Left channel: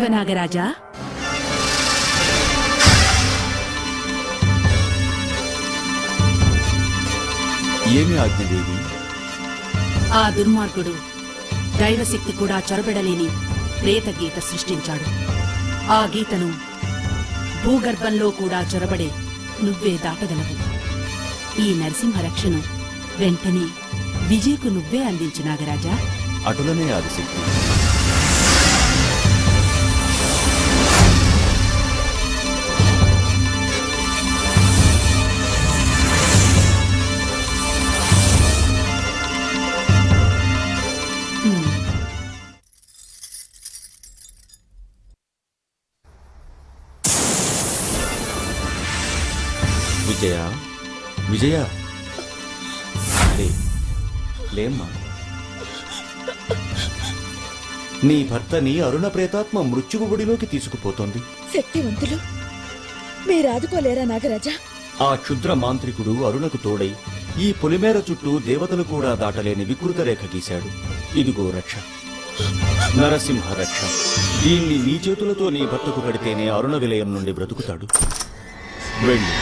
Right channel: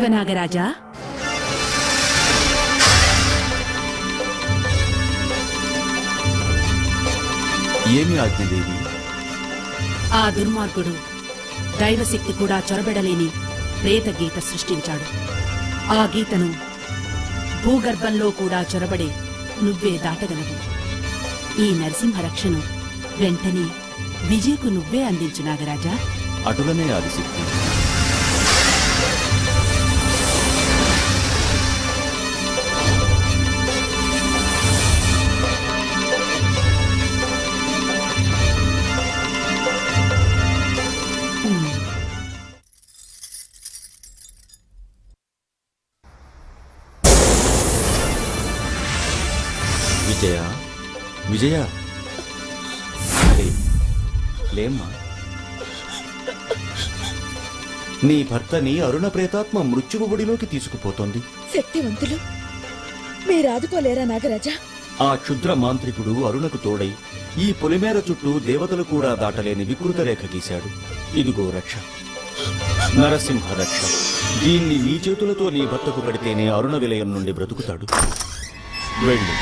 జీవనాగరాజా, ఏమి ఆజ్ఞదేవి? ఆ దుర్మార్గుడు దైవశక్తి కూడా చొరబెడలేని ప్రేత గీత సృష్టించాడు. ఆ గీతను భూగర్భంలో కూడా చొరబడే నువ్వే దాటగలవు. ఈ నరసింహరక్షను వెంటనే విజయకు నువ్వే అందించు నాగరాజా. అటులనే ఆదిశక్తి. విజయ, విజయ, లేమ్మా. నీ భర్తని అరుణ ప్రేతాత్మ మృత్యువు ఒడిలోకి తీసుకుపోతోంది. శక్తివంతులు మీరాదుకోలేరా నాగరాజా? ఆ క్షుద్ర మాంత్రికుడు అరుణకు తోడై ఈ పొలిమేర చుట్టూ దేవతలు కూడా దాటలేని వికృత రేఖ గీశాడు. ఇదిగో రక్ష, నరసింహ రక్ష. దీన్ని నీ చేతులతో నీ భర్తకు కడితేనే అరుణ విలయం నుండి బ్రతుకుతాడు. వెళ్ళు.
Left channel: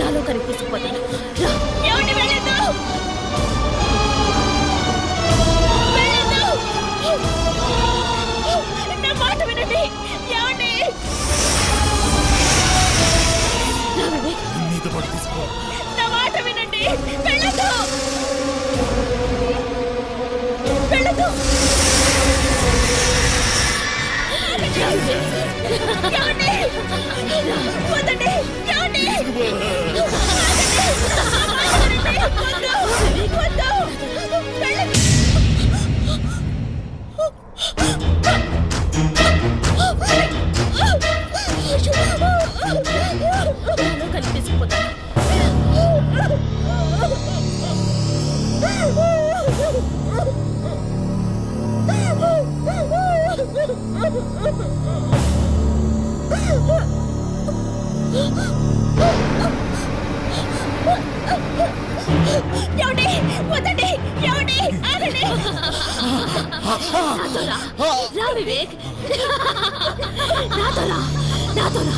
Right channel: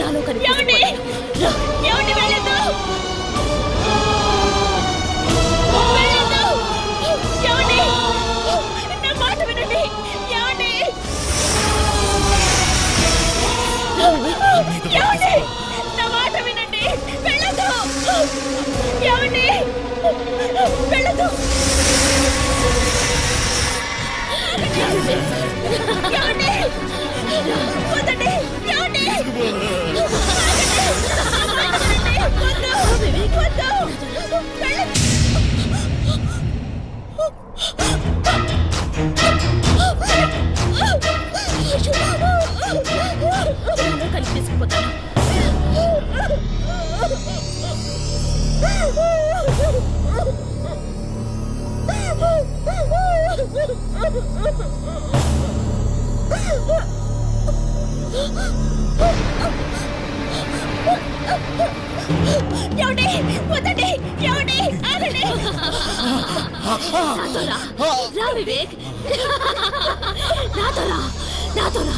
నాలో కనిపిస్తుపోతాను. కనిపిస్తుపోతాను. వివేక్, నాతో రా, నాతో రా.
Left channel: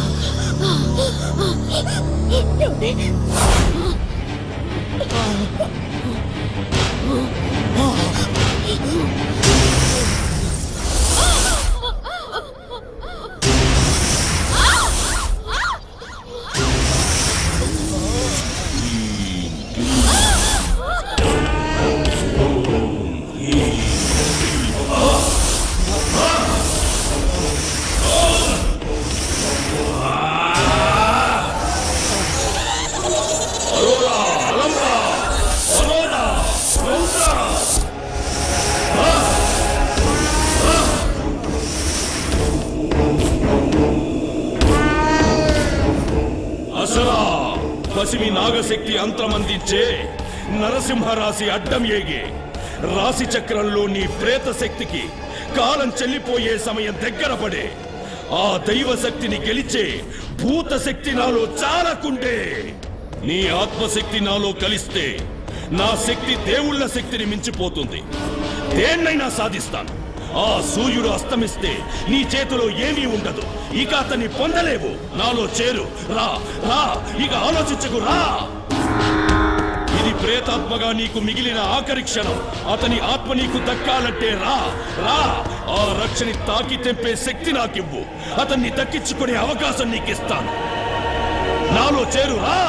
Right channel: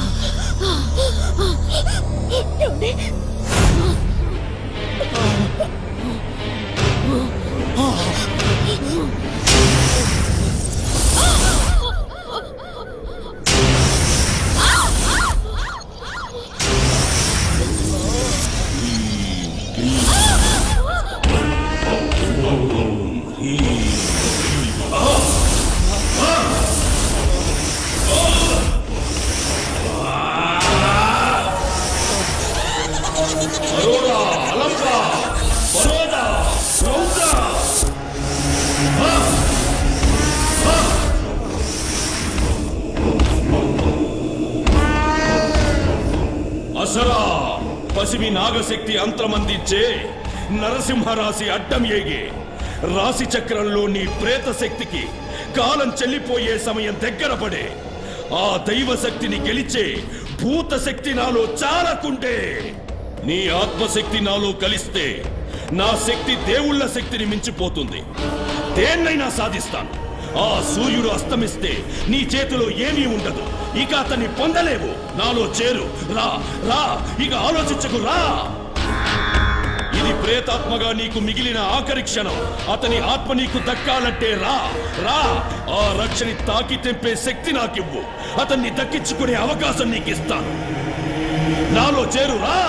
అసరా పసిమి నాగశక్తి అంతమందించే నరసింహరాశి అడ్డం ఏగే రాశి చక్రంలో నీ ప్రేత శక్తికి కాలం చెల్లిపోయే సమయం దగ్గర పడే. ఆ దైవశక్తిని గెలిచే భూత శక్తి నాలో చాలకుండే. నీ ఆత్మశక్తి నాలో కలిస్తే నా శక్తి దేవుళ్ళ శక్తిని మించిపోతుంది. దేన్నైనా సాధిస్తాను. ఆ సూర్యుడు అస్తమిస్తే నీ చేతిలో ఏమీ ఉండదు. ఇక అతన్ని పొందలేవు. నాలో చేరు. రా రా, ఇక ఆలోచించకు, రా. ఇది ప్రేతాత్మగా నీకు మిగిలిన ఆఖరి క్షణం. అతని ఆత్మ నీకు దక్కాలంటే రా రా. ఆ రక్షని తాకి తెంపే శక్తి నాకివ్వు. అతన్ని దక్కించుకునే అవకాశం నీకిస్తాను. నాలో చేరు, రా.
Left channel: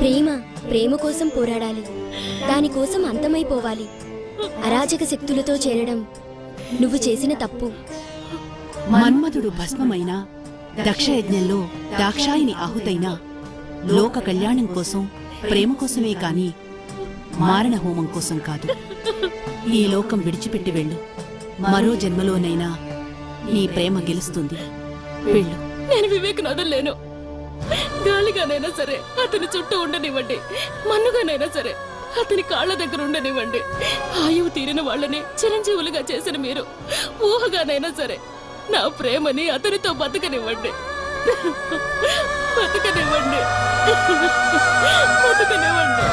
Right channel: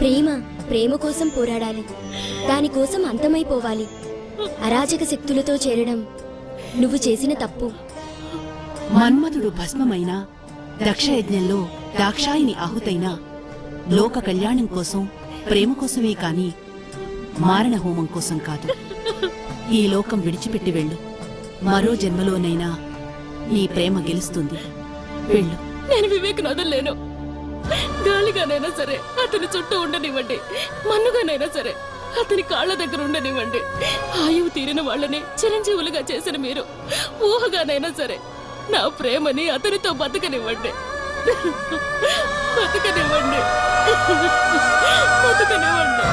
ప్రేమ ప్రేమ కోసం పోరాడాలి, దానికోసం అంతమైపోవాలి. అరాచక శక్తులతో చేరడం నువ్వు చేసిన తప్పు. మన్మధుడు భస్మమైన దక్షయజ్ఞంలో దాక్షాయిని ఆహుతైన లోక కళ్యాణం కోసం, ప్రేమ కోసమే కాని మారణ హోమం కోసం కాదు. ఈ లోకం విడిచిపెట్టి వెళ్ళు. మరో జన్మలోనైనా నీ ప్రేమ గెలుస్తుంది. వెళ్ళు. నేను వివేక్ను వదలలేను. గాలిగానైనా సరే అతని చుట్టూ ఉండనివ్వండి, మన్నుగానైనా సరే అతని కాళ్ళ దగ్గర ఉండనివ్వండి. ఆయువు తీరిన వాళ్ళని చిరంజీవులుగా చేసిన మీరు ఊహగానైనా సరే నా ప్రేమని అతనితో బతకనివ్వండి. బతకనివ్వండి, బతకనివ్వండి.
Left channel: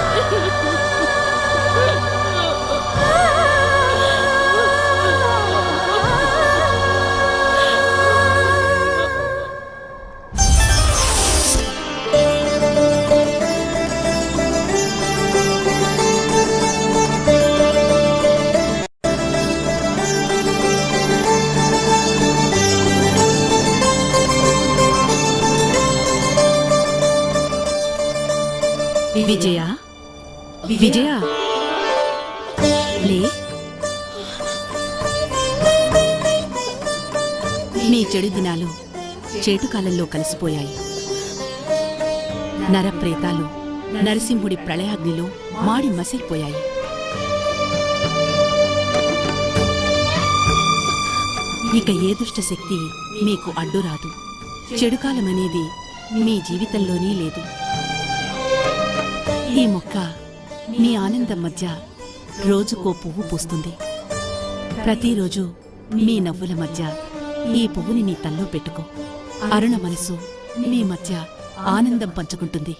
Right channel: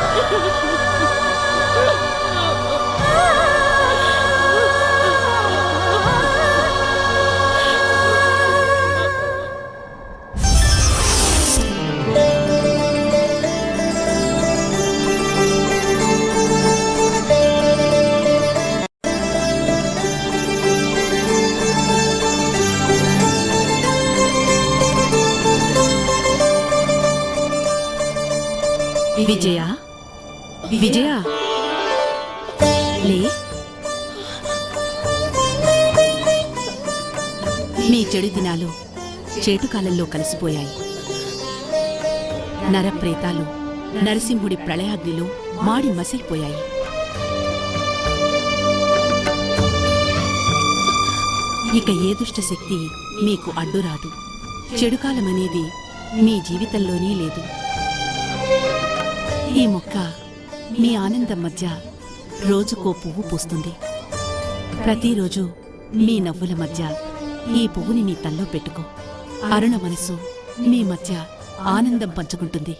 విజయ, విజయ, లే. నీ చెడు దినాలు చేటుకాలంలో కలిసిపోయాయి. నరప్రేతాలు నరసింహుడి ప్రళయాగ్నిలో మాడి మసిలిపోయాయి. ఇక ఏ దుష్ట శక్తి మీకు అడ్డురాదు. చెడుకాలమనేది మీ జీవితంలోనే లేదు. ఈ మొక్క మీ ఆనందం మధ్య రోజుకో పువ్వు పూస్తుంది. ప్రతిరోజు మీ నవ్వుల మధ్య ఈ పువ్వుని నీ తల్లో పెట్టుకో. అరుణ మనసు మీ మధ్య ఆనందం పంచుకుంటుంది.